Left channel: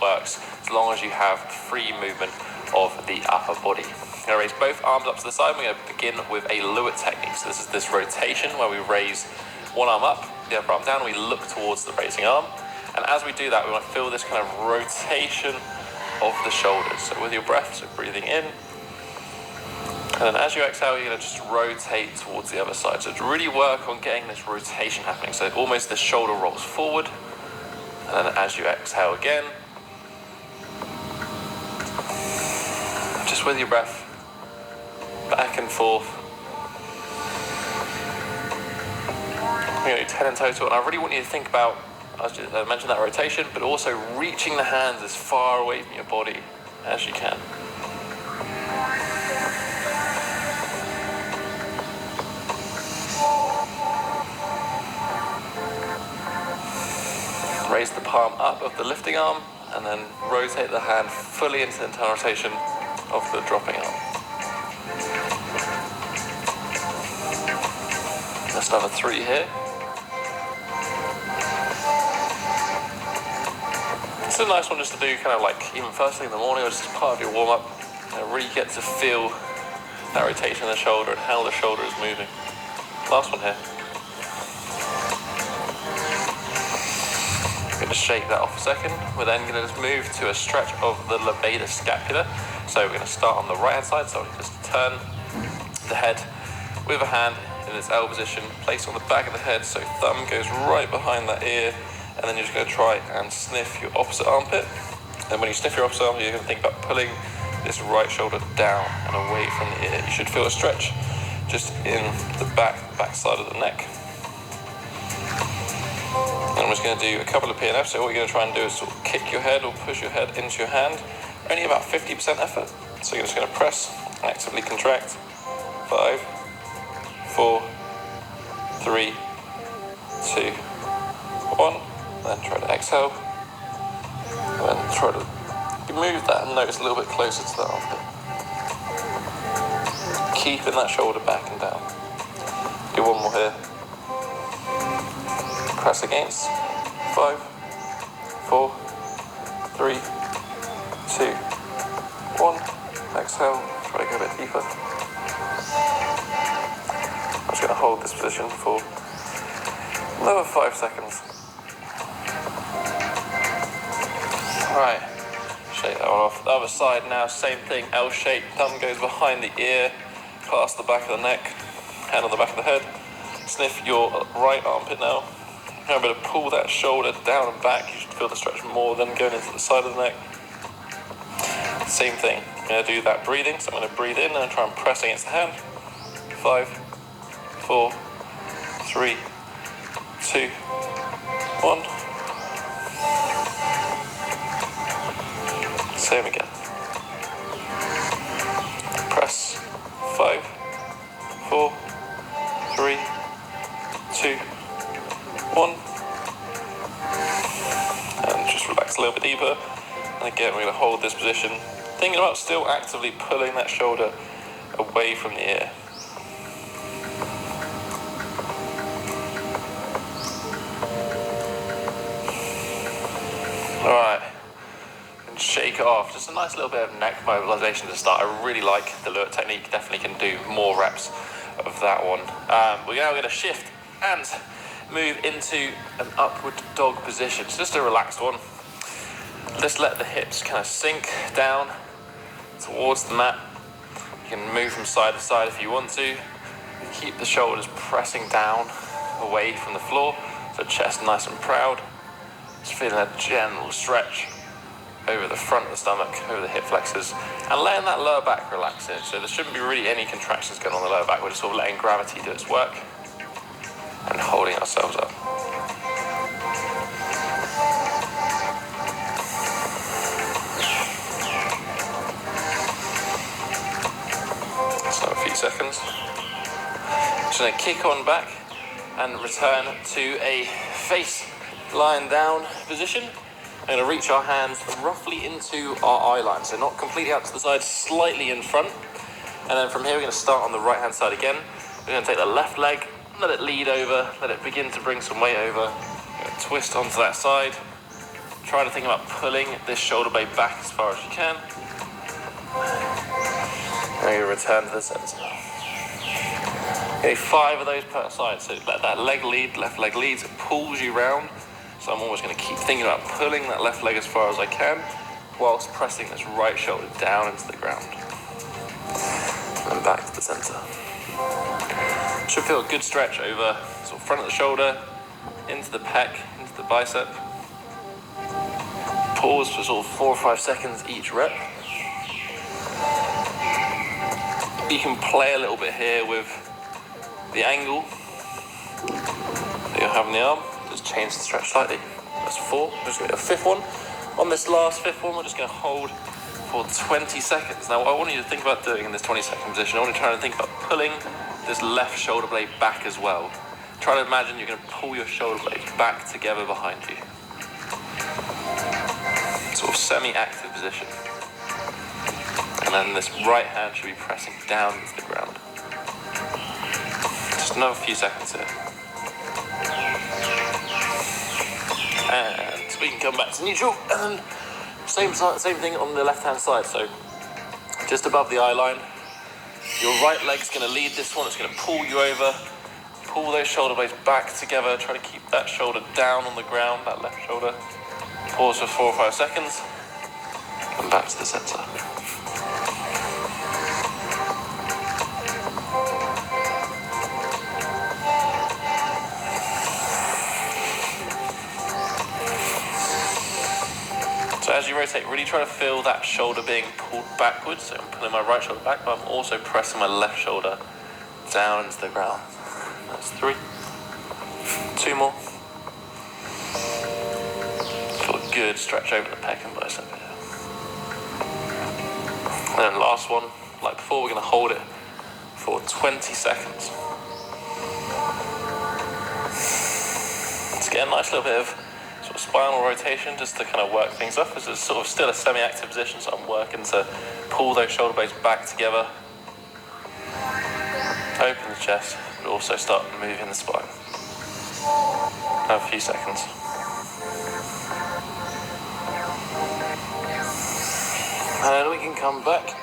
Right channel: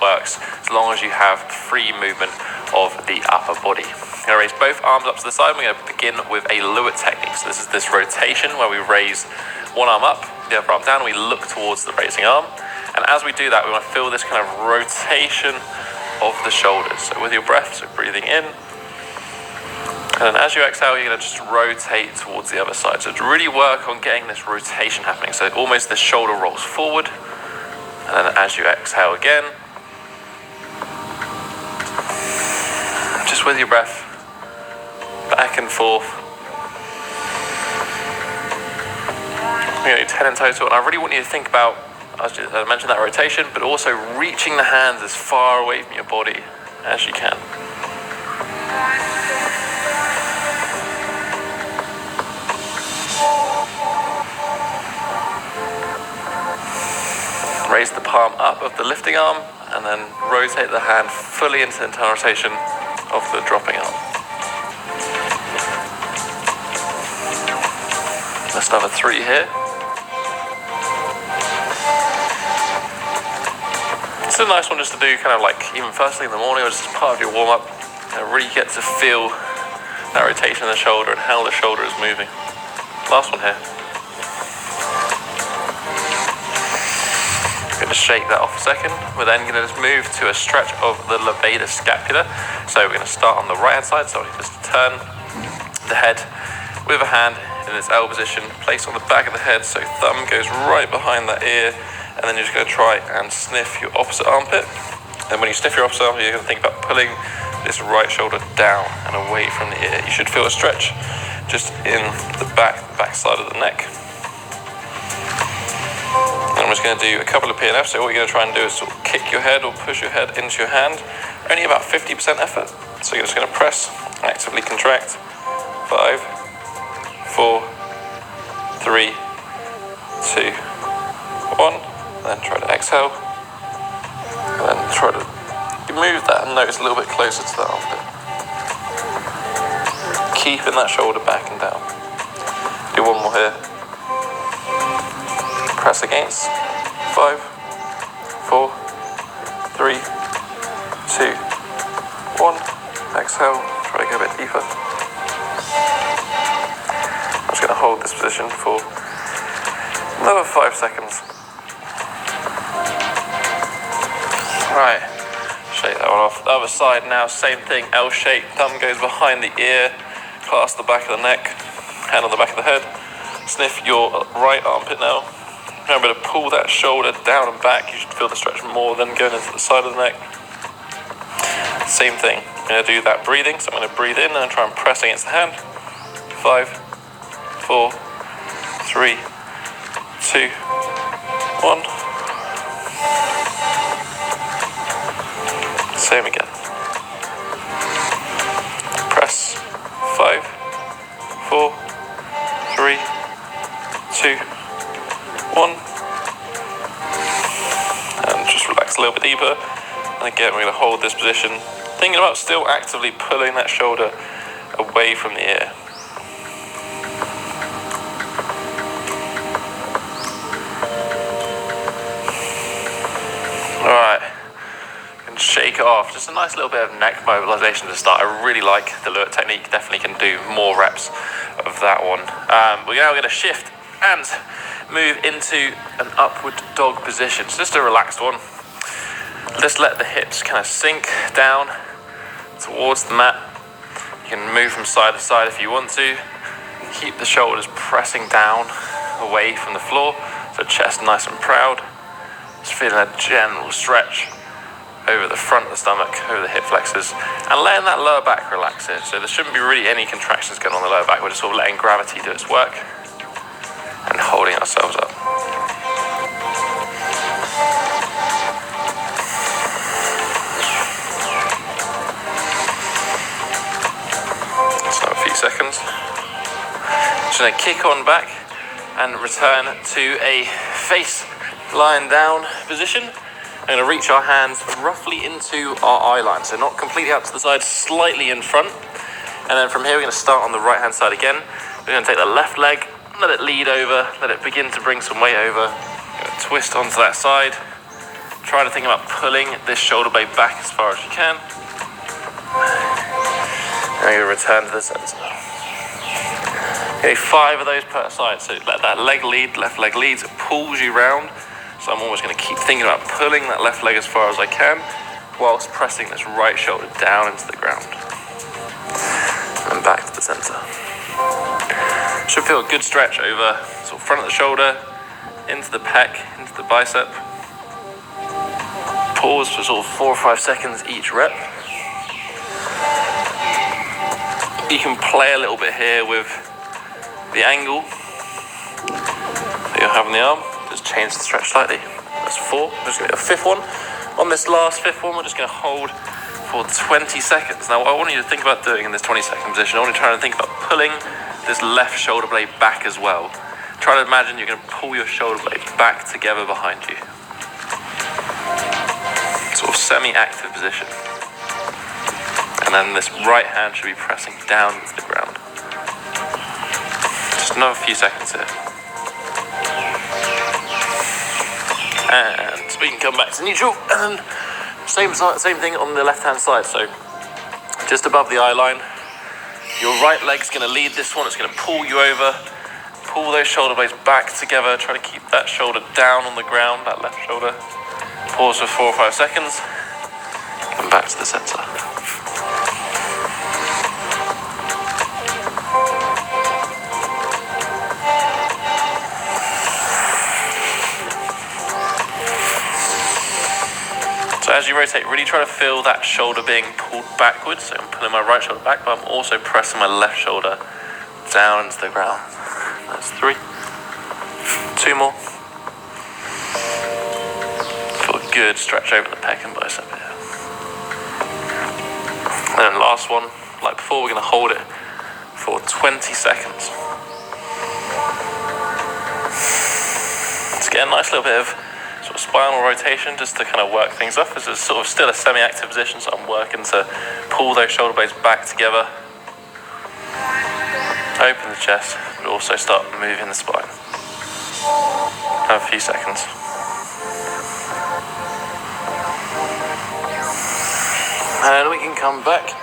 works as long as you have free movement of the upper body. I'm going to raise both arms up to the side. We're going to begin with a Lewitt technique. So this is this rotation where we raise one arm up, the other arm down, and we look towards the raising arm. And as we do that, we want to feel this kind of rotation of the shoulders. So with your breath, so breathing in, and then as you exhale, you're going to just rotate towards the other side. So to really work on getting this rotation happening. So almost the shoulder rolls forward, and then as you exhale again, just with your breath, back and forth. We're going to do 10 in total, and I really want you to think about, as I mentioned, that rotation, but also reaching the hands as far away from your body as you can. Raise the palm up of the lifting arm, and then rotate the hand fully into the internal rotation of the dropping arm. Let's have a 3 here. It's a nice one just to do kind of like even first thing in the morning or just as part of your warm-up. Really get to feel that rotation of the shoulder and how the shoulder is moving. Last one here. Going to shake that off a second. We're then going to just move to a stretch of the levator scapula. So we're going to start on the right hand side. So just turn the head with a hand in its L position, place on the back of the head so thumb goes right behind that ear, and then you're just going to try and sniff your opposite armpit. And when you sniff your opposite armpit, you're going to think about pulling this right shoulder down and away from the ear. You should feel a stretch just in the back side of the neck. And I'm just going to do a couple of PNFs. So what you're going to try and do is sort of kick your head or push your head into your hand. Only about 50% effort. So you're just going to press, actively contract. 5, 4, 3, 2, 1. Then try to exhale. And then try to move that nose a little bit closer to that armpit. Keeping that shoulder back and down. Do one more here. Press against. 5, 4, 3, 2, 1. Exhale. Try to go a bit deeper. I'm just going to hold this position for another 5 seconds. Right. Shake that one off. The other side now, same thing. L shape. Thumb goes behind the ear. Clasp the back of the neck. Hand on the back of the head. Sniff your right armpit now. Remember to pull that shoulder down and back. You should feel the stretch more than going into the side of the neck. Same thing. I'm going to do that breathing. So I'm going to breathe in and try and press against the hand. 5, 4, 3, 2, 1. Same again. Press. 5, 4, 3, 2, 1. And just relax a little bit deeper. And again, we're going to hold this position, thinking about still actively pulling that shoulder away from the ear. Alright, and shake it off. Just a nice little bit of neck mobilization to start. I really like the Lewitt technique. Definitely can do more reps of that one. We're now going to shift and move into an upward dog position. So just a relaxed one. Just let the hips kind of sink down towards the mat. You can move from side to side if you want to. Keep the shoulders pressing down away from the floor. So chest nice and proud. Just feeling a general stretch over the front of the stomach, over the hip flexors, and letting that lower back relax in. So there shouldn't be really any contractions going on the lower back. We're just sort of letting gravity do its work and holding ourselves up. So a few seconds. Just going to kick on back and return to a face lying down position. We're going to reach our hands roughly into our eye line, so not completely out to the side, slightly in front. And then from here, we're going to start on the right hand side again. We're going to take the left leg, let it lead over, let it begin to bring some weight over. Twist onto that side, try to think about pulling this shoulder blade back as far as you can. And you return to the center. Okay, 5 of those per side. So let that leg lead, left leg leads, it pulls you round. So I'm always going to keep thinking about pulling that left leg as far as I can, whilst pressing this right shoulder down into the ground. And back to the center. Should feel a good stretch over sort of front of the shoulder, into the pec, into the bicep. Pause for sort of 4 or 5 seconds each rep. You can play a little bit here with the angle that you're having the arm. Just change the stretch slightly. That's 4. I'm just going to do a 5th one. On this last 5th one, we're just going to hold for 20 seconds. Now, what I want you to think about doing in this 20-second position, I want you to try and think about pulling this left shoulder blade back as well. Try to imagine you're going to pull your shoulder blade back together behind you. Sort of semi-active position. And then this right hand should be pressing down into the ground. Just another few seconds here. And we can come back to neutral. And then same thing on the left-hand side. So just above the eye line, your right leg's going to lead this one. It's going to pull you over. Pull those shoulder blades back together. Try to keep that shoulder down on the ground, that left shoulder. Pause for 4 or 5 seconds. And back to the center. So as you rotate, really try to feel that shoulder being pulled backwards. So I'm pulling my right shoulder back, but I'm also pressing my left shoulder down into the ground. That's 3. 2 more. Feel a good stretch over the pec and bicep here. And then last one, like before, we're going to hold it for 20 seconds. Let's get a nice little bit of sort of spinal rotation just to kind of work things up. This is sort of still a semi-active position, so I'm working to pull those shoulder blades back together, open the chest, but also start moving the spine. Have a few seconds. And we can come back.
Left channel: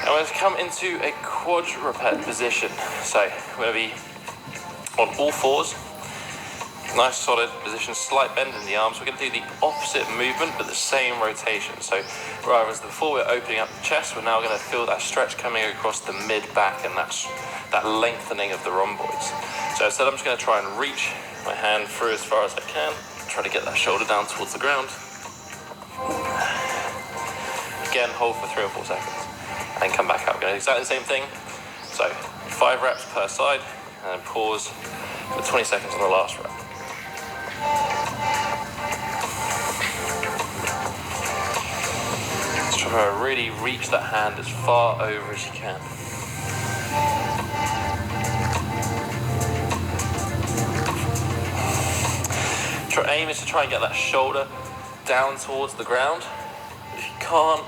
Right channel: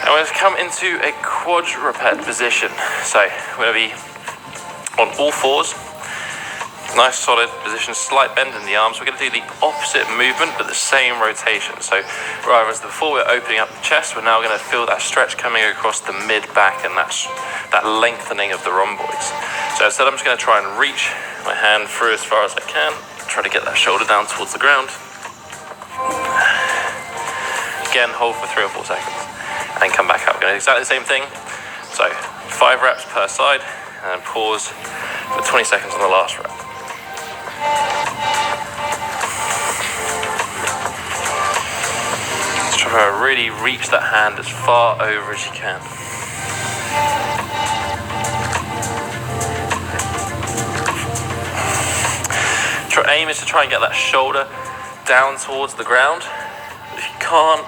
And we're going to come into a quadruped position. So we're going to be on all 4s. Nice solid position, slight bend in the arms. We're going to do the opposite movement, but the same rotation. So whereas before we're opening up the chest, we're now going to feel that stretch coming across the mid-back and that lengthening of the rhomboids. So instead, I'm just going to try and reach my hand through as far as I can. Try to get that shoulder down towards the ground. Again, hold for 3 or 4 seconds. And then come back up. We're going to do exactly the same thing. So 5 reps per side, and then pause for 20 seconds on the last rep. Just try to really reach that hand as far over as you can. Aim is to try and get that shoulder down towards the ground. If you can't,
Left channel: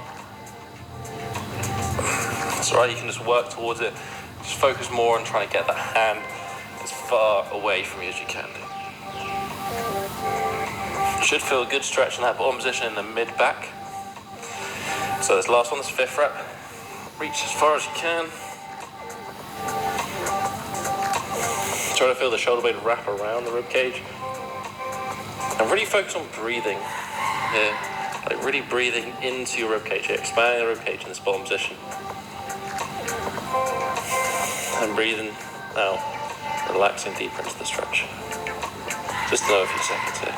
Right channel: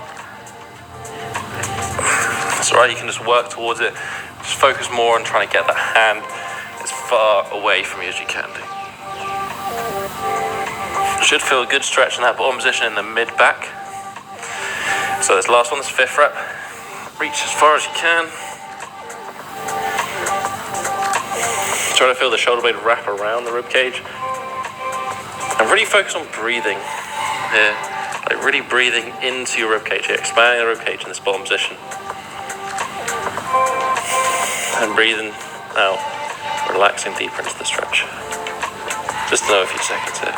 that's all right, you can just work towards it. Just focus more on trying to get that hand as far away from you as you can do. Should feel a good stretch in that bottom position in the mid-back. So this last one, this 5th rep. Reach as far as you can. Try to feel the shoulder blade wrap around the rib cage. And really focus on breathing here. Like really breathing into your rib cage here, expanding the rib cage in this bottom position. And breathing out, relaxing deeper into the stretch. Just another few seconds here.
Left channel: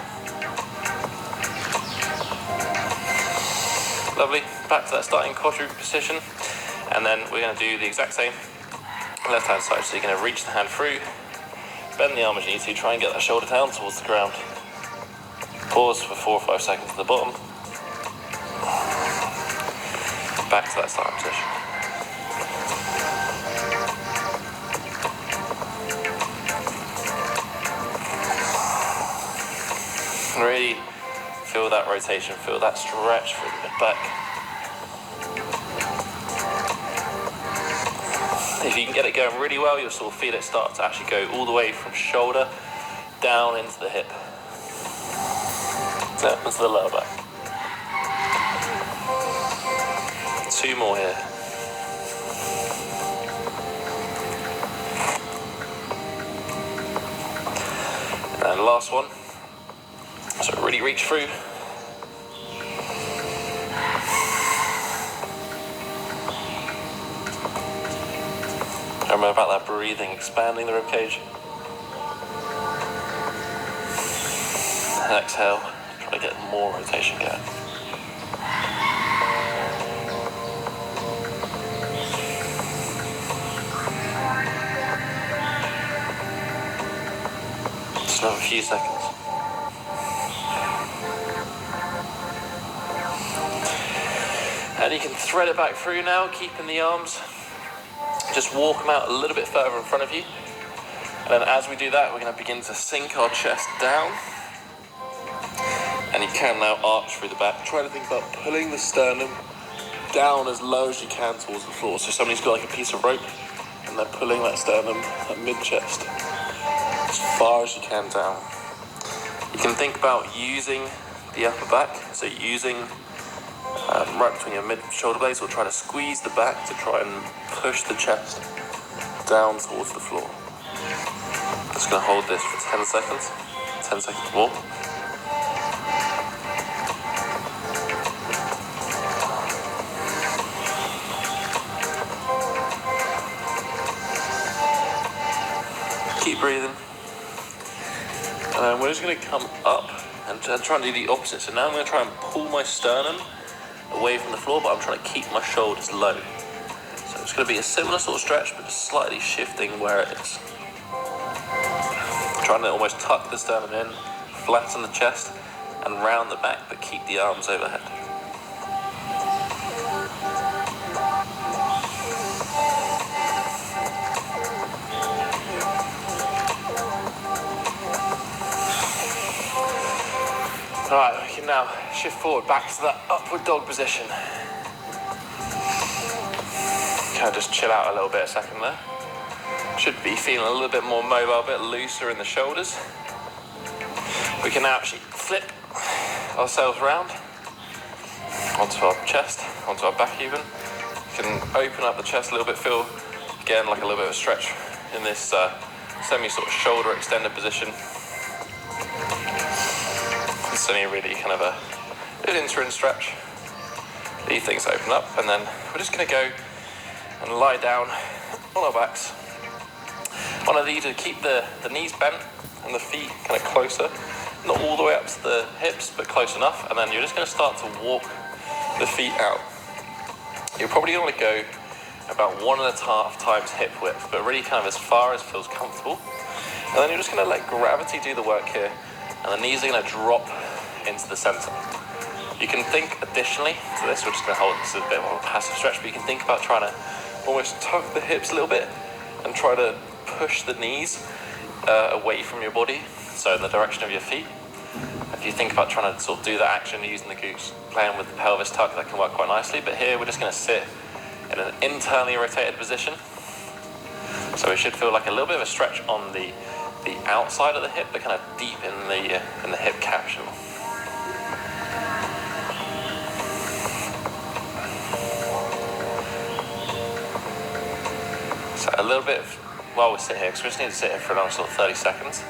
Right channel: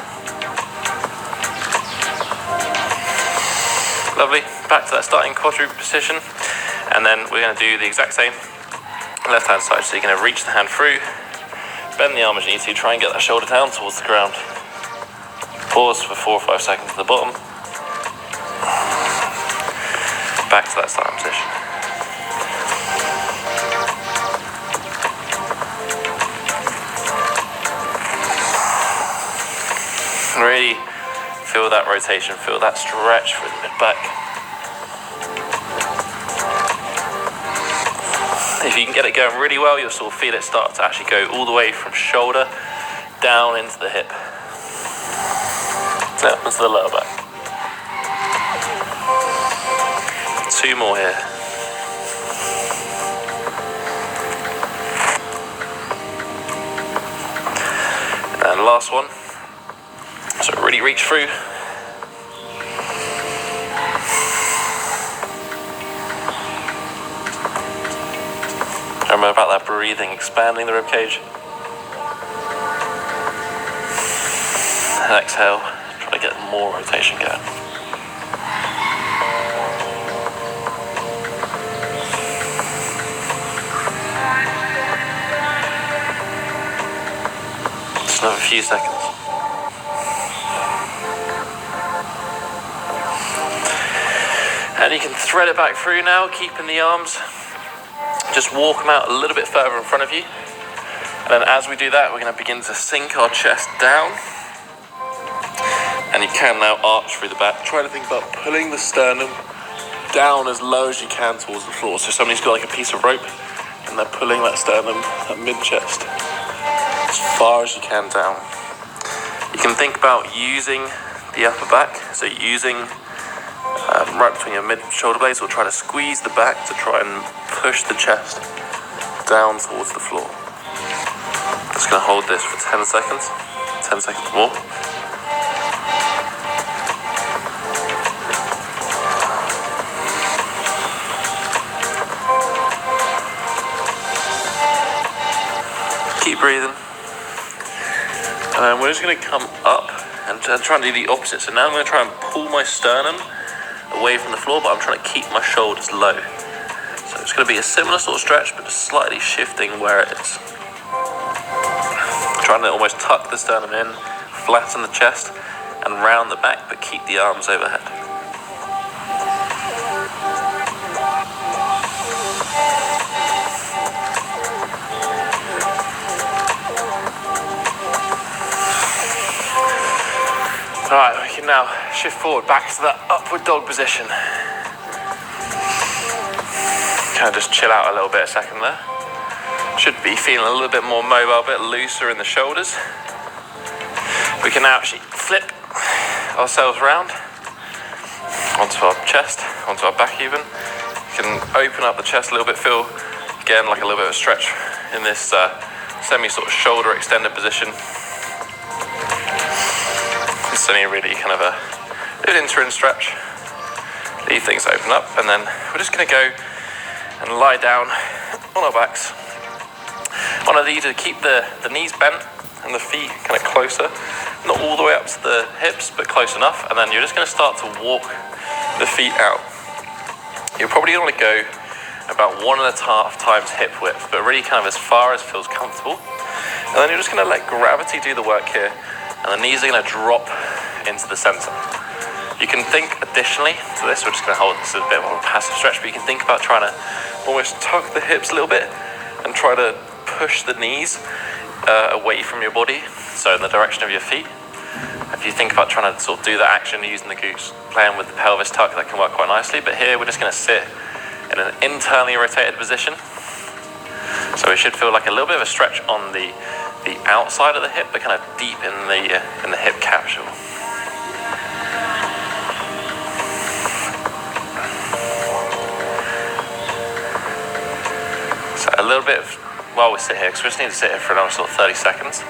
Lovely, back to that starting quadruped position. And then we're going to do the exact same left hand side. So you're going to reach the hand through, bend the arm as you need to, try and get that shoulder down towards the ground. Pause for 4 or 5 seconds at the bottom. Back to that starting position. Really feel that rotation, feel that stretch through the mid-back. If you can get it going really well, you'll sort of feel it start to actually go all the way from shoulder down into the hip. Snap into the lower back. 2 more here. And last one. So really reach through. Remember about that breathing, expanding the ribcage. And exhale, try to get more rotation going. Just another few seconds. And you can thread it back through now, keeping the arms. Just walk them out a little bit further in front of you. And then as we do that, we're going to begin to sink our chest down. And you can now arch through the back. Try to think about pulling the sternum down as low as you can towards the floor. So somebody's got like a piece of rope and they're pulling that sternum, that mid-chest, as far as you can down. You can think about using the upper back, so using right between your mid-shoulder blades, or try to squeeze the back to try and push the chest down towards the floor. Just going to hold this for 10 seconds. 10 seconds more. Keep breathing. And then we're just going to come up and try and do the opposite. So now I'm going to try and pull my sternum away from the floor, but I'm trying to keep my shoulders low. So it's going to be a similar sort of stretch, but just slightly shifting where it is. Trying to almost tuck the sternum in, flatten the chest, and round the back, but keep the arms overhead. Alright, we can now shift forward back to that upward dog position. Kind of just chill out a little bit a second there. Should be feeling a little bit more mobile, a bit looser in the shoulders. We can now actually flip ourselves around onto our chest, onto our back even. We can open up the chest a little bit, feel again like a little bit of a stretch in this semi sort of shoulder extended position. It's only really kind of a bit interim stretch. Leave things open up, and then we're just going to go and lie down on our backs. One of these to keep the knees bent and the feet kind of closer, not all the way up to the hips, but close enough. And then you're just going to start to walk the feet out. You're probably going to go about 1.5 times hip width, but really kind of as far as feels comfortable. And then you're just going to let gravity do the work here, and the knees are going to drop into the center. You can think additionally to this, we're just going to hold this as a bit more of a passive stretch, but you can think about trying to almost tuck the hips a little bit and try to push the knees away from your body, so in the direction of your feet. If you think about trying to sort of do that action using the glutes, playing with the pelvis tuck, that can work quite nicely. But here we're just going to sit in an internally rotated position. So we should feel like a little bit of a stretch on the outside of the hip, but kind of deep in the hip capsule. So a little bit while we sit here, because we just need to sit here for another sort of 30 seconds.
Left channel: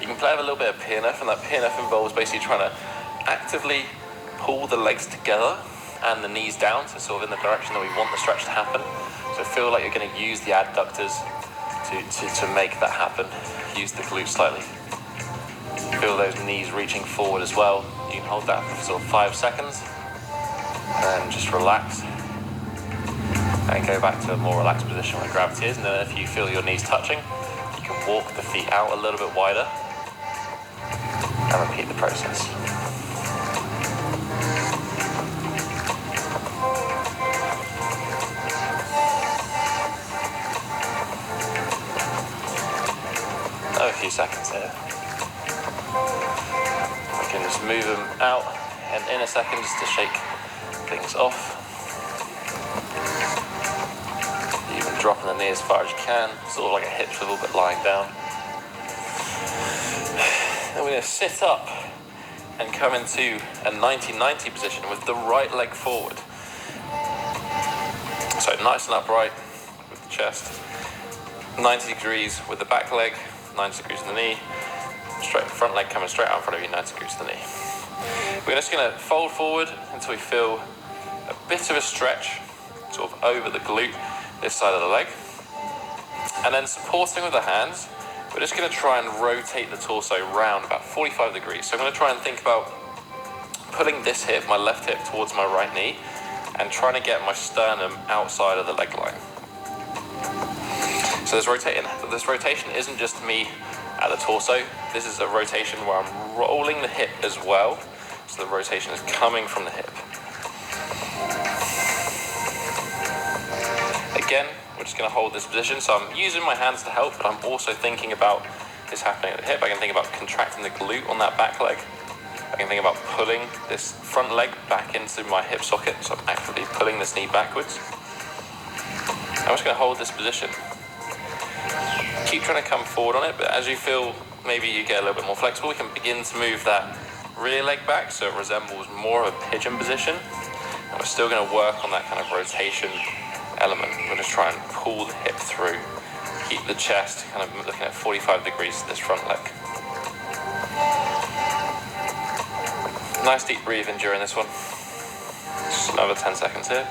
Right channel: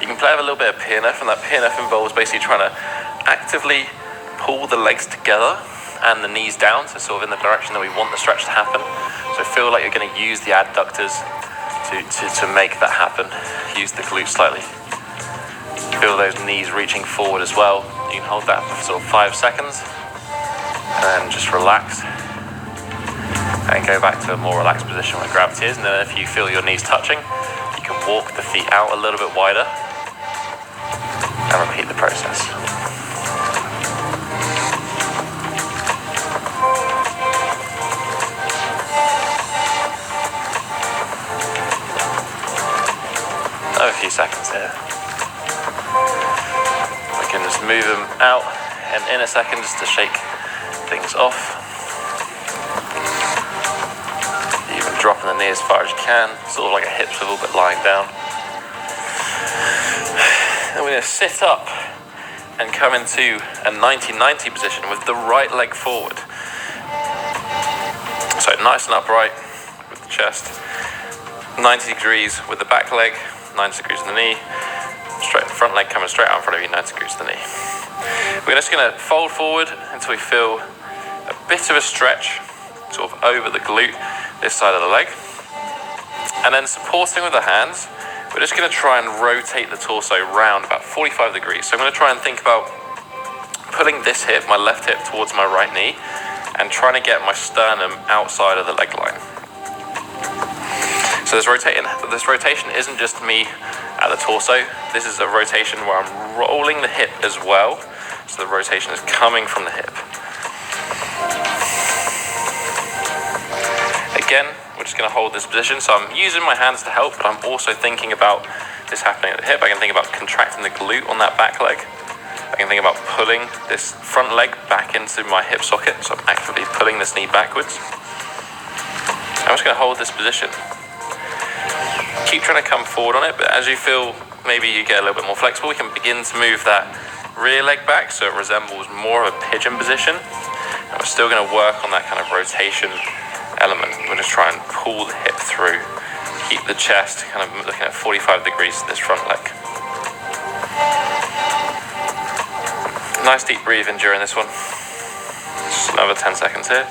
You can play with a little bit of PNF, and that PNF involves basically trying to actively pull the legs together and the knees down, so sort of in the direction that we want the stretch to happen. So feel like you're going to use the adductors to make that happen. Use the glutes slightly. Feel those knees reaching forward as well. You can hold that for sort of 5 seconds, and then just relax. And go back to a more relaxed position where gravity is. And then if you feel your knees touching, you can walk the feet out a little bit wider and repeat the process. Another few seconds here. We can just move them out and in a second just to shake things off. Dropping the knee as far as you can, sort of like a hip swivel but lying down. And we're going to sit up and come into a 90-90 position with the right leg forward. So nice and upright with the chest, 90 degrees with the back leg, 90 degrees in the knee, straight front leg coming straight out in front of you, 90 degrees to the knee. We're just going to fold forward until we feel a bit of a stretch sort of over the glute, this side of the leg. And then supporting with the hands, we're just going to try and rotate the torso round about 45 degrees. So I'm going to try and think about pulling this hip, my left hip, towards my right knee and trying to get my sternum outside of the leg line. So this rotation isn't just me at the torso. This is a rotation where I'm rolling the hip as well. So the rotation is coming from the hip. Again, we're just going to hold this position. So I'm using my hands to help, but I'm also thinking about this happening at the hip. I can think about contracting the glute on that back leg. I can think about pulling this front leg back into my hip socket. So I'm actively pulling this knee backwards. I'm just going to hold this position. Keep trying to come forward on it, but as you feel maybe you get a little bit more flexible, we can begin to move that rear leg back so it resembles more of a pigeon position. And we're still going to work on that kind of rotation element. We're just trying to pull the hip through, keep the chest kind of looking at 45 degrees to this front leg. Nice deep breathing during this one. Just another 10 seconds here.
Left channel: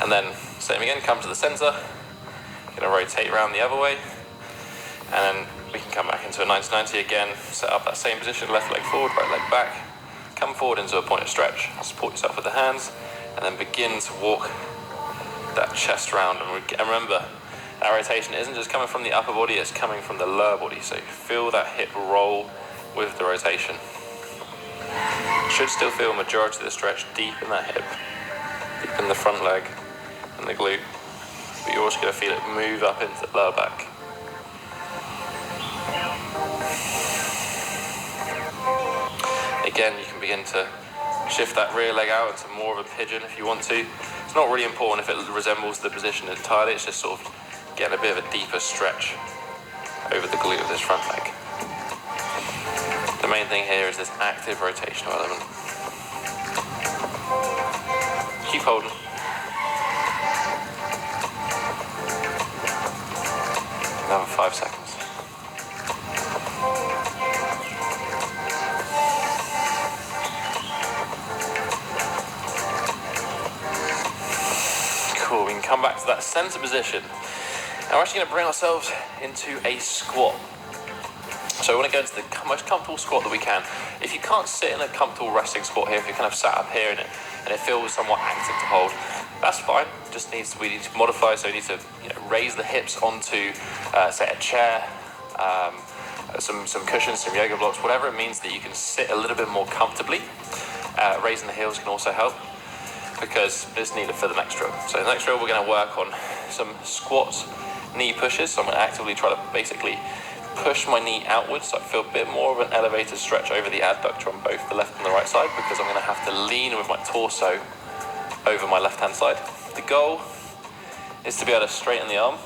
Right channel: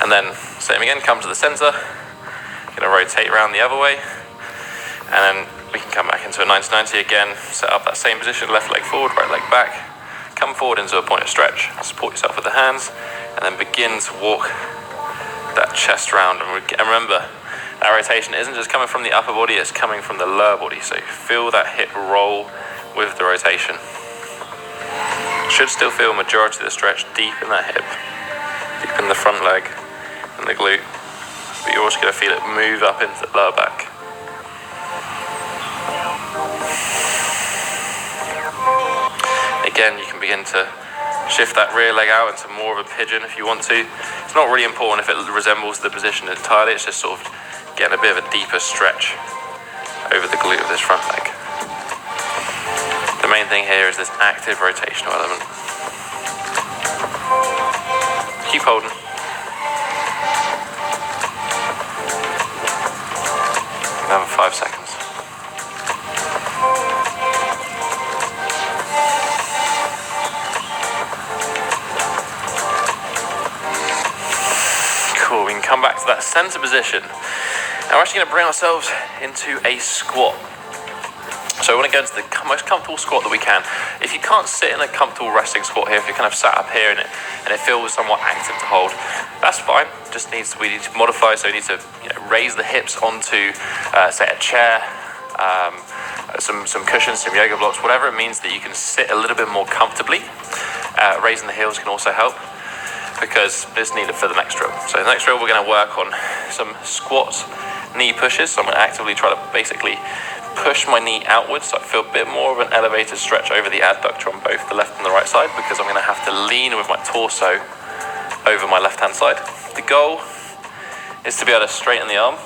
And then, same again, come to the center. Gonna rotate around the other way. And then we can come back into a 90-90 again, set up that same position, left leg forward, right leg back. Come forward into a point of stretch, support yourself with the hands, and then begin to walk that chest round. And remember, that rotation isn't just coming from the upper body, it's coming from the lower body. So feel that hip roll with the rotation. Should still feel majority of the stretch deep in that hip, deep in the front leg and the glute, but you're also going to feel it move up into the lower back. Again, you can begin to shift that rear leg out into more of a pigeon if you want to. It's not really important if it resembles the position entirely, it's just sort of getting a bit of a deeper stretch over the glute of this front leg. The main thing here is this active rotational element. Keep holding. Another 5 seconds. Cool, we can come back to that center position. Now we're actually going to bring ourselves into a squat. So we want to go into the most comfortable squat that we can. If you can't sit in a comfortable resting squat here, if you're kind of sat up here and it feels somewhat active to hold, that's fine. We need to modify, so we need to raise the hips onto, say, a chair, some cushions, some yoga blocks, whatever it means that you can sit a little bit more comfortably. Raising the heels can also help, because it's needed for the next drill. So the next drill we're going to work on some squat knee pushes. So I'm going to actively try to basically push my knee outwards so I feel a bit more of an elevated stretch over the adductor on both the left and the right side, because I'm going to have to lean with my torso over my left hand side. The goal is to be able to straighten the arm,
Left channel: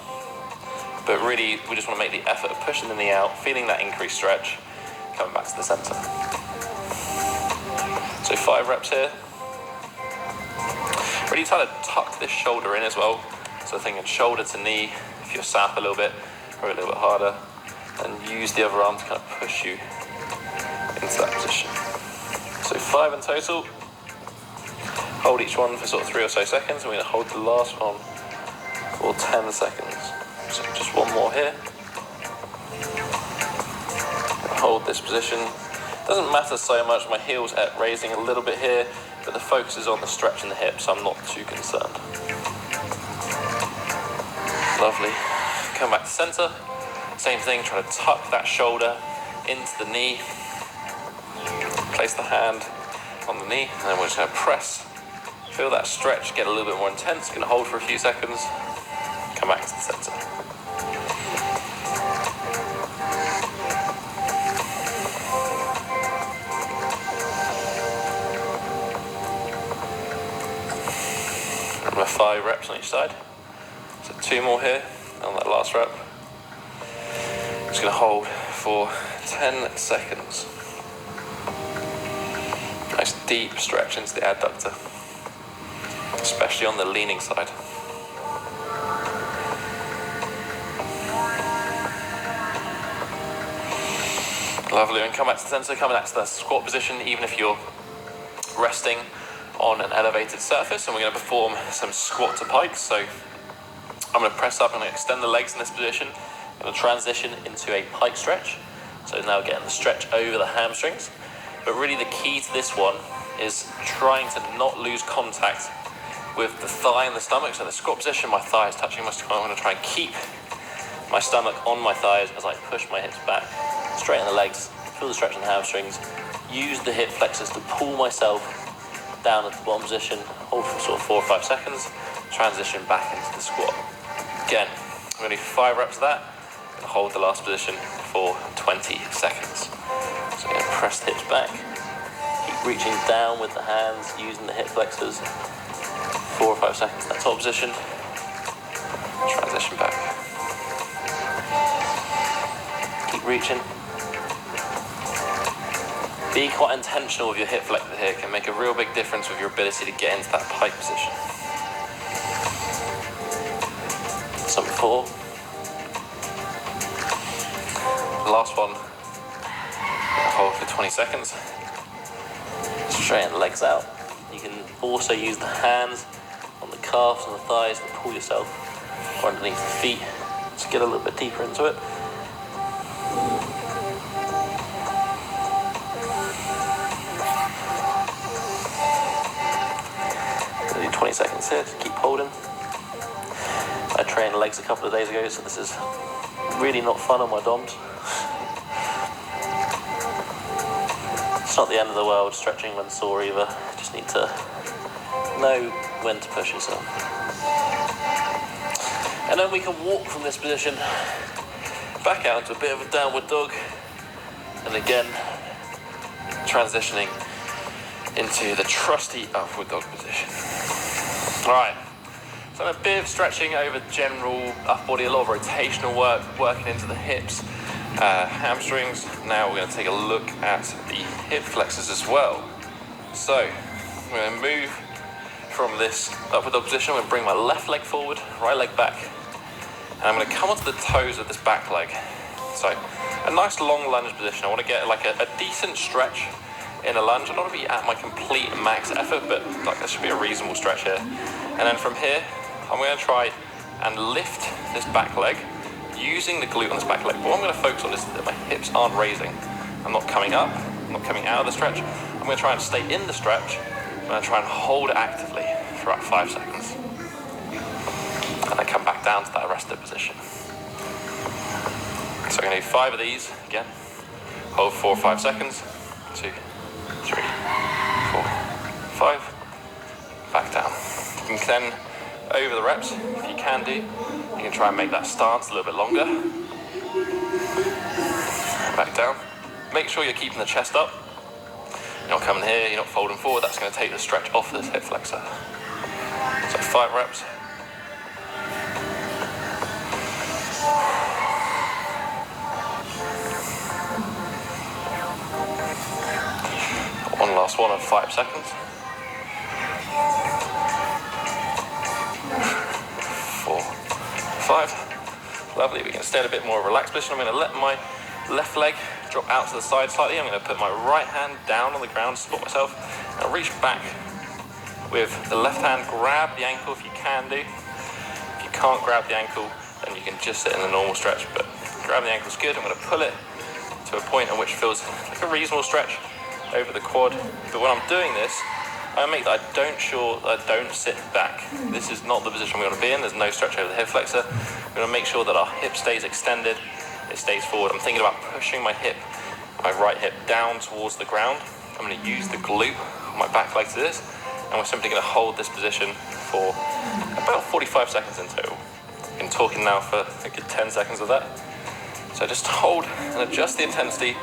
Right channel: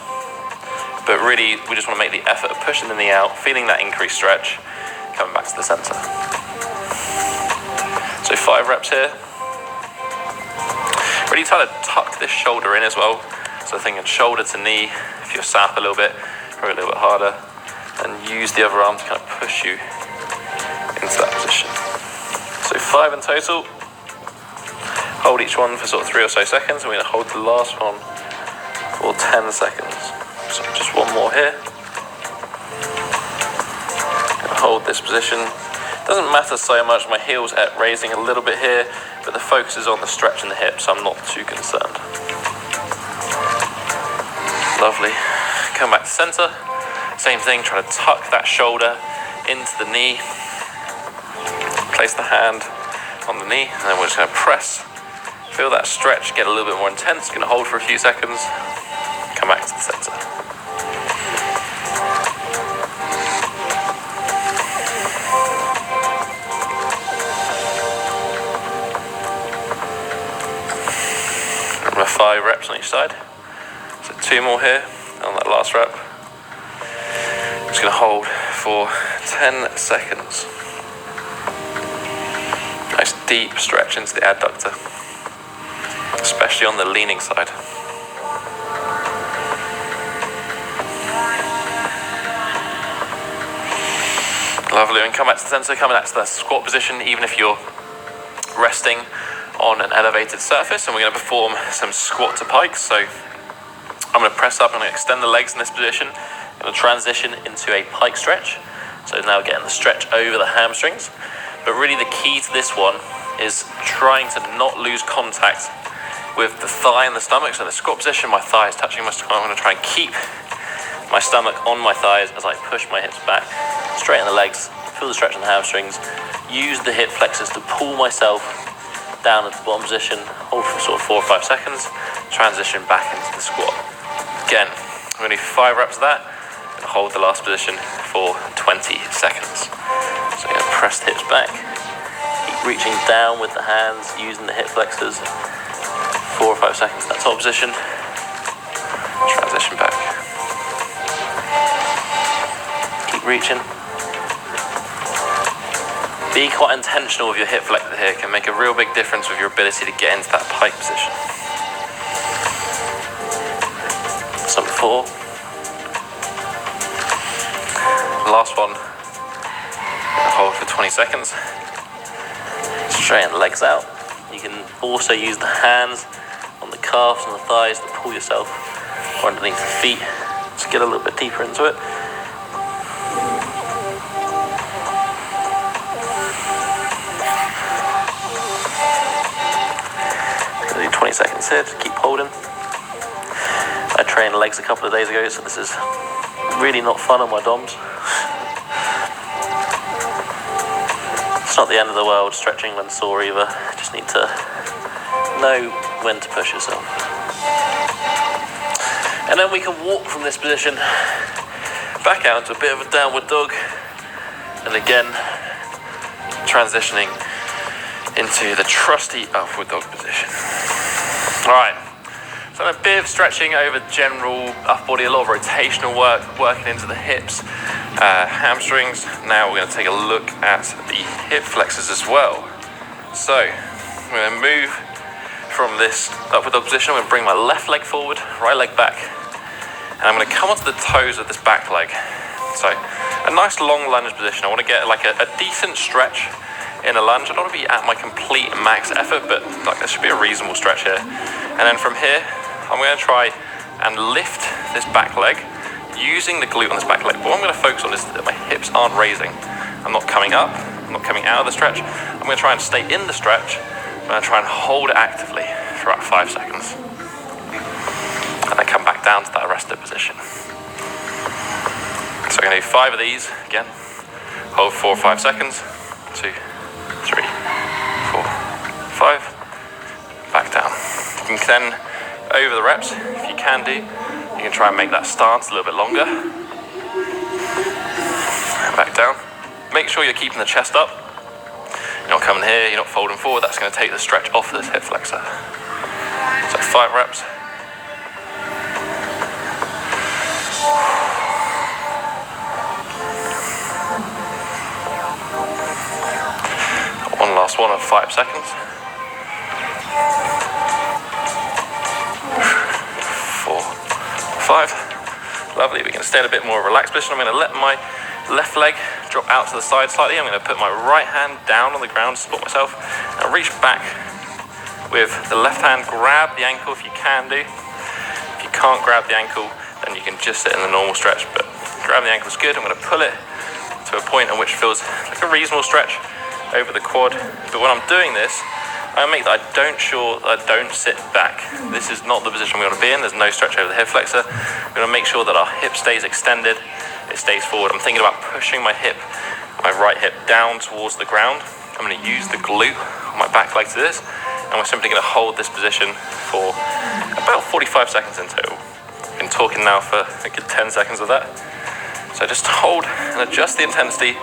but really we just want to make the effort of pushing the knee out, feeling that increased stretch, coming back to the center. So 5 reps here. Really try to tuck this shoulder in as well. So thinking shoulder to knee, if you're sat up a little bit, probably a little bit harder, and use the other arm to kind of push you into that position. So 5 in total. Hold each one for sort of 3 or so seconds, and we're going to hold the last one for 10 seconds. So just one more here. Gonna hold this position. Doesn't matter so much, my heel's at raising a little bit here, but the focus is on the stretch in the hips, so I'm not too concerned. Lovely. Come back to center. Same thing, try to tuck that shoulder into the knee. Place the hand on the knee, and then we're just going to press. Feel that stretch get a little bit more intense. Going to hold for a few seconds. Come back to the center. Remember 5 reps on each side. So 2 more here on that last rep. Just going to hold for 10 seconds. Nice deep stretch into the adductor, especially on the leaning side. Lovely, and come back to the center, come back to the squat position, even if you're resting on an elevated surface. And we're going to perform some squat to pikes. So I'm going to press up, I'm going to extend the legs in this position. I'm going to transition into a pike stretch. So now getting the stretch over the hamstrings. But really the key to this one is trying to not lose contact with the thigh and the stomach. So in the squat position, my thigh is touching my stomach. I'm going to try and keep my stomach on my thighs as I push my hips back. Straighten the legs, feel the stretch in the hamstrings. Use the hip flexors to pull myself down into the bottom position. Hold for sort of 4 or 5 seconds. Transition back into the squat. Again, I'm going to do 5 reps of that. And hold the last position for 20 seconds. So I'm going to press the hips back. Keep reaching down with the hands, using the hip flexors. 4 or 5 seconds in that top position. Transition back. Keep reaching. Be quite intentional with your hip flexor here. It can make a real big difference with your ability to get into that pike position. Some 4. Last one. Hold for 20 seconds. Straighten the legs out. You can also use the hands on the calves and the thighs to pull yourself underneath the feet. Just get a little bit deeper into it. Do 20 seconds here, just keep holding. I trained legs a couple of days ago, so this is really not fun on my DOMs. It's not the end of the world, stretching when sore either. Just need to know when to push yourself. And then we can walk from this position back out into a bit of a downward dog. And again, transitioning into the trusty upward dog position. All right, so a bit of stretching over the general upper body, a lot of rotational work, working into the hips, hamstrings. Now we're going to take a look at the hip flexors as well. So we're going to move from this upward dog position. I'm going to bring my left leg forward, right leg back, and I'm going to come onto the toes of this back leg. So a nice long lunge position. I want to get like a decent stretch in a lunge. I don't want to be at my complete max effort, but like there should be a reasonable stretch here. And then from here, I'm going to try and lift this back leg using the glute on this back leg. But what I'm going to focus on is that my hips aren't raising. I'm not coming up, I'm not coming out of the stretch. I'm going to try and stay in the stretch. I'm going to try and hold it actively for about 5 seconds. And then come back down to that rested position. So I'm going to do 5 of these again. Hold 4 or 5 seconds. 2, 3, 4, 5. Back down. You can then, over the reps, if you can do, you can try and make that stance a little bit longer. Back down. Make sure you're keeping the chest up. You're not coming here, you're not folding forward. That's going to take the stretch off this hip flexor. So 5 reps. One last one of 5 seconds. 4, 5. Lovely. We can stay in a bit more relaxed position. I'm going to let my left leg drop out to the side slightly. I'm going to put my right hand down on the ground to support myself and reach back with the left hand. Grab the ankle if you can do. If you can't grab the ankle, then you can just sit in the normal stretch, but grabbing the ankle is good. I'm going to pull it to a point in which feels like a reasonable stretch over the quad. But when I'm doing this, I make that I don't sit back. This is not the position we want to be in. There's no stretch over the hip flexor. We're going to make sure that our hip stays extended, it stays forward. I'm thinking about pushing my right hip down towards the ground. I'm going to use the glute on my back leg to this, and we're simply going to hold this position for about 45 seconds in total. I've been talking now for a good 10 seconds of that. So just hold and adjust the intensity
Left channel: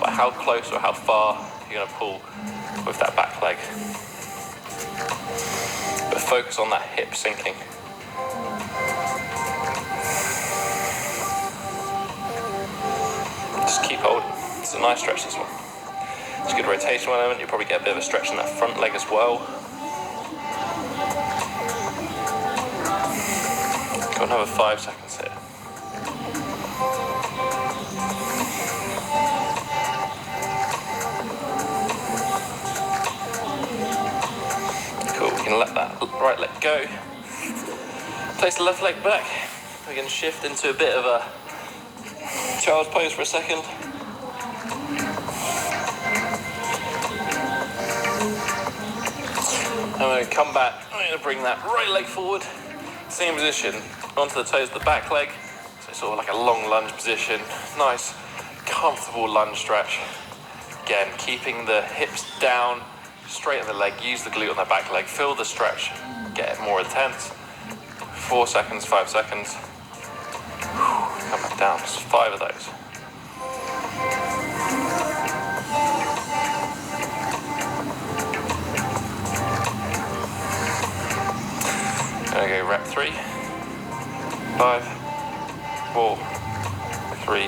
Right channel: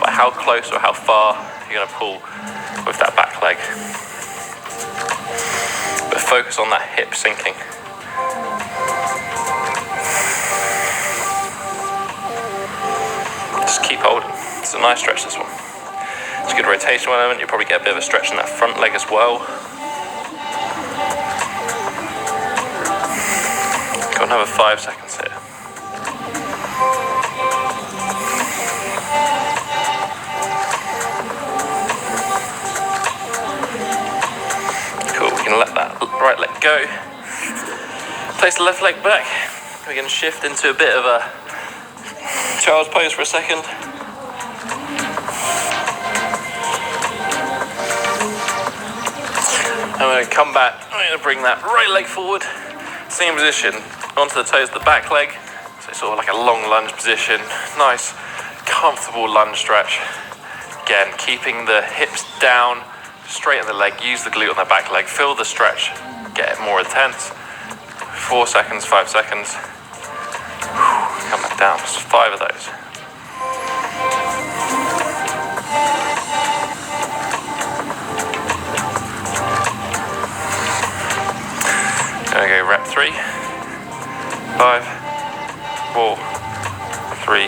by how close or how far you're going to pull with that back leg. But focus on that hip sinking. holding. It's a nice stretch, this one. It's a good rotational element. You'll probably get a bit of a stretch in that front leg as well. Got another 5 seconds here. Cool, we can let that right leg go. Place the left leg back. We can shift into a bit of a child's pose for a second. I'm going to come back. I'm going to bring that right leg forward. Same position. Onto the toes of the back leg. So sort of like a long lunge position. Nice, comfortable lunge stretch. Again, keeping the hips down, straighten the leg, use the glute on the back leg, feel the stretch, get it more intense. 4 seconds, 5 seconds. Come back down, just 5 of those. Gonna go rep 3, 5, 4, 3,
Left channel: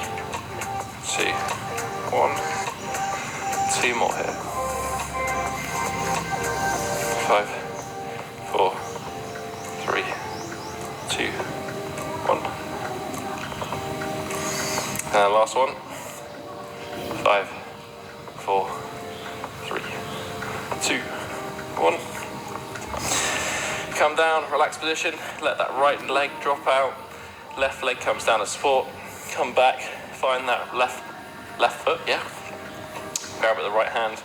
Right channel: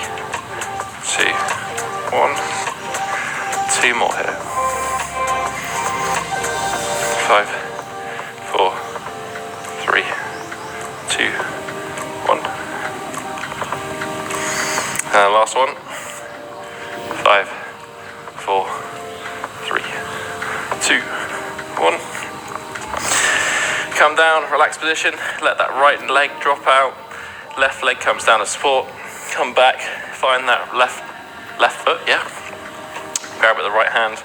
2, 1. 2 more here. 5, 4, 3, 2, 1. And last one. 5, 4, 3, 2, 1. Come down, relaxed position, let that right leg drop out, left leg comes down to support, come back, find that left foot, grab with the right hand,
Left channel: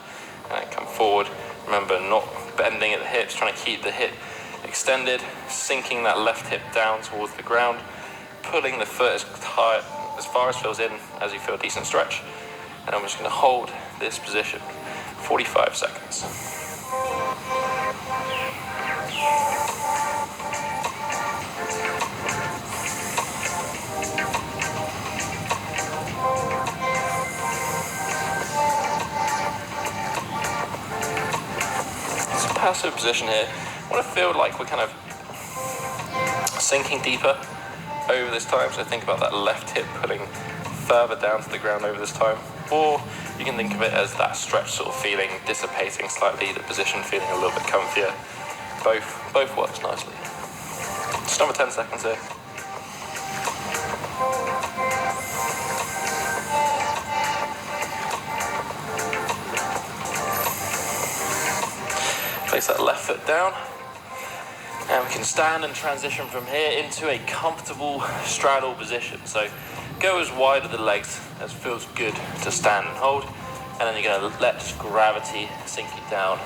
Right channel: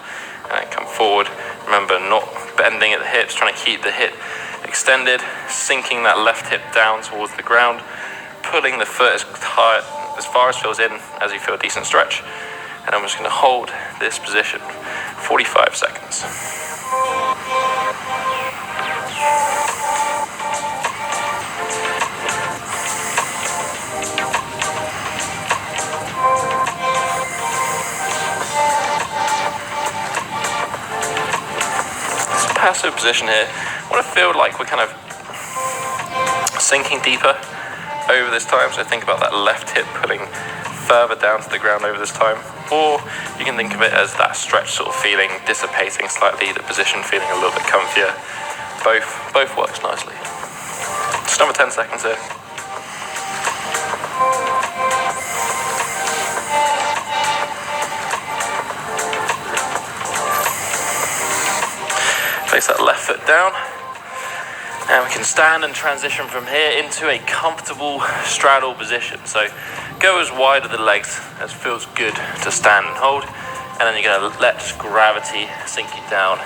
and then come forward. Remember, not bending at the hips, trying to keep the hip extended, sinking that left hip down towards the ground, pulling the foot as far as feels in as you feel a decent stretch, and I'm just going to hold this position 45 seconds. Passive position here. I want to feel like we're kind of sinking deeper over this time. So think about that left hip pulling further down to the ground over this time. Or you can think of it as that stretch sort of feeling dissipating slightly, the position feeling a little bit comfier. Both works nicely. Just another 10 seconds here. Place that left foot down, and we can stand and transition from here into a comfortable straddle position. So go as wide of the legs as feels good to stand and hold, and then you're going to let gravity sink you down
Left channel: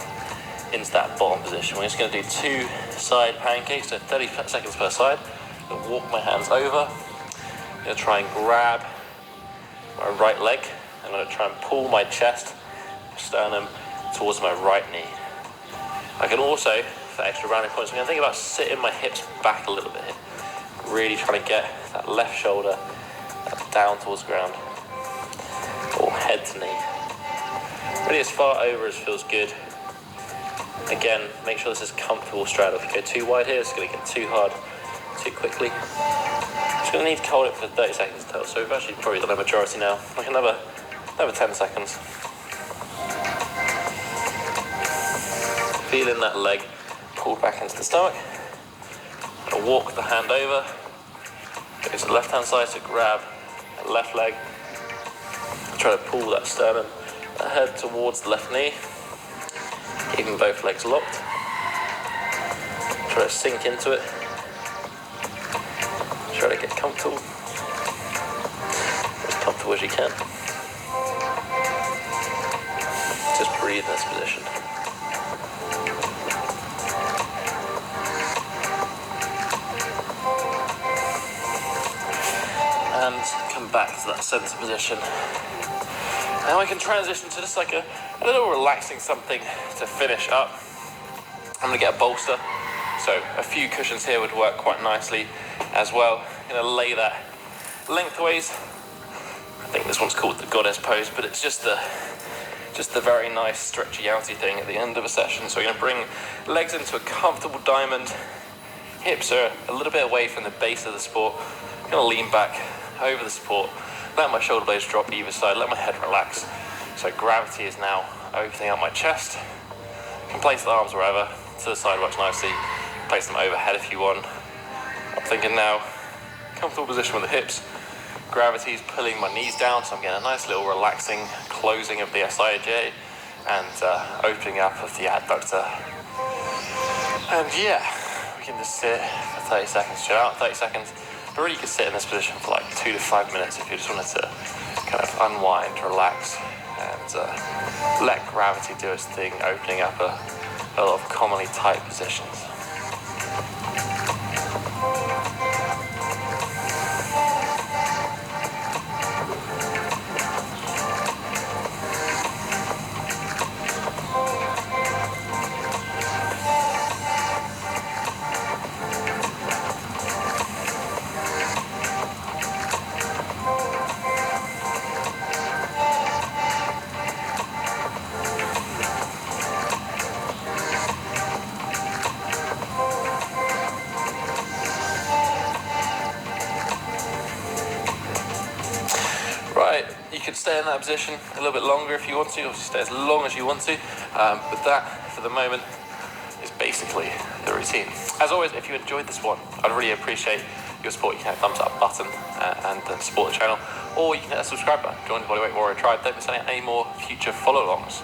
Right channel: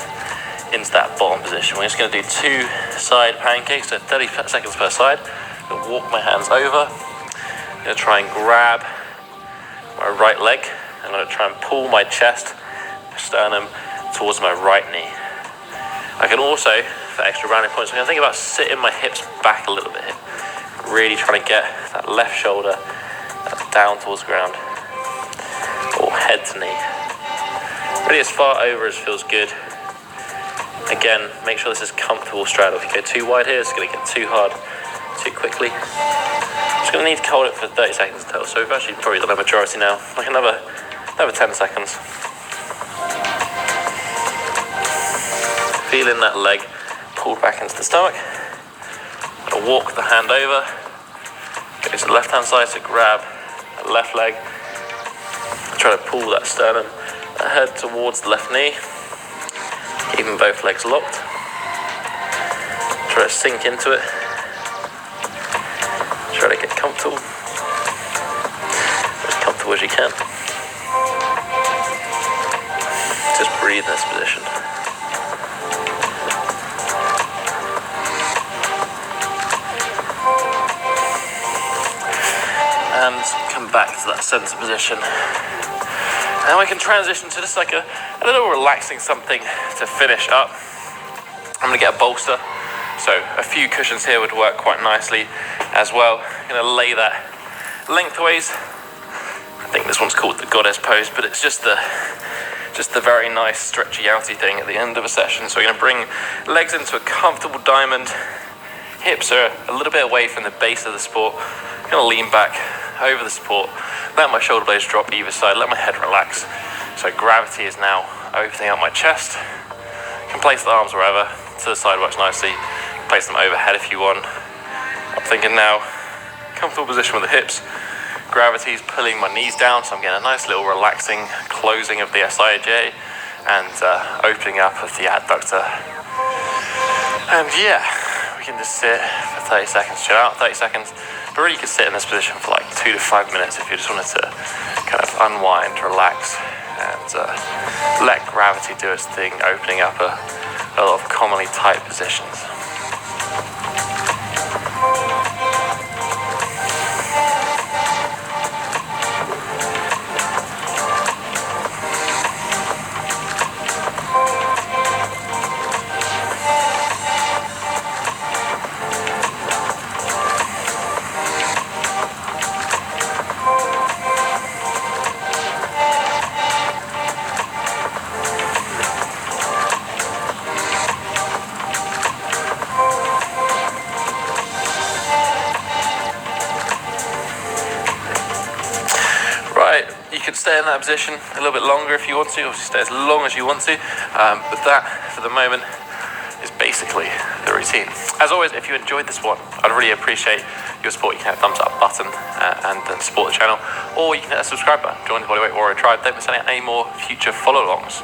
into that bottom position. We're just going to do 2 side pancakes, so 30 seconds per side. I'm going to walk my hands over. I'm going to try and grab my right leg. I'm going to try and pull my chest, sternum towards my right knee. I can also, for extra rounding points, I'm going to think about sitting my hips back a little bit here. Really trying to get that left shoulder down towards the ground, or head to knee. Really as far over as feels good. Again, make sure this is comfortable straddle. If you go too wide here, it's going to get too hard too quickly. Just going to need to hold it for 30 seconds until, so we've actually probably done a majority now. Like another 10 seconds. Feeling that leg pulled back into the stomach. I'll walk the hand over. Go to the left hand side to grab that left leg. Try to pull that sternum, that head towards the left knee. Even both legs locked. Try to sink into it. Try to get comfortable. As comfortable as you can. Just breathe in this position. And come back to that center position. Now we can transition to just like a little relaxing something to finish up. I'm going to get a bolster, so a few cushions here would work quite nicely as well. I'm going to lay that lengthways. I think this one's called the goddess pose, but it's just the very nice stretchy outy thing at the end of a session. So we're going to bring legs into a comfortable diamond. Hips are a little bit away from the base of the support. I'm going to lean back over the support, Let my shoulder blades drop either side, let my head relax. So gravity is now opening up my chest. You can place the arms wherever, to the side works nicely. Place them overhead if you want. I'm thinking now, comfortable position with the hips. Gravity is pulling my knees down, so I'm getting a nice little relaxing closing of the SIJ and opening up of the adductor. And yeah, we can just sit for 30 seconds, chill out 30 seconds. But really you can sit in this position for like 2 to 5 minutes if you just wanted to kind of unwind, relax, and let gravity do its thing, opening up a lot of commonly tight positions. Right, you can stay in that position a little bit longer if you want to, obviously stay as long as you want to, but that, for the moment, is basically the routine. As always, if you enjoyed this one, I'd really appreciate your support. You can hit a thumbs up button and support the channel, or you can hit a subscribe button, join the Bodyweight Warrior Tribe. Don't miss any more future follow-alongs.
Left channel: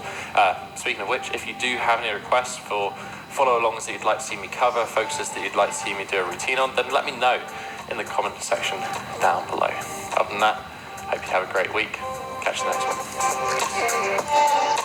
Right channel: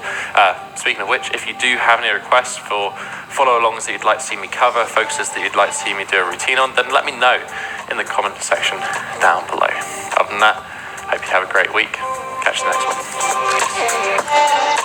Speaking of which, if you do have any requests for follow-alongs that you'd like to see me cover, focuses that you'd like to see me do a routine on, then let me know in the comment section down below. Other than that, hope you have a great week. Catch you next one.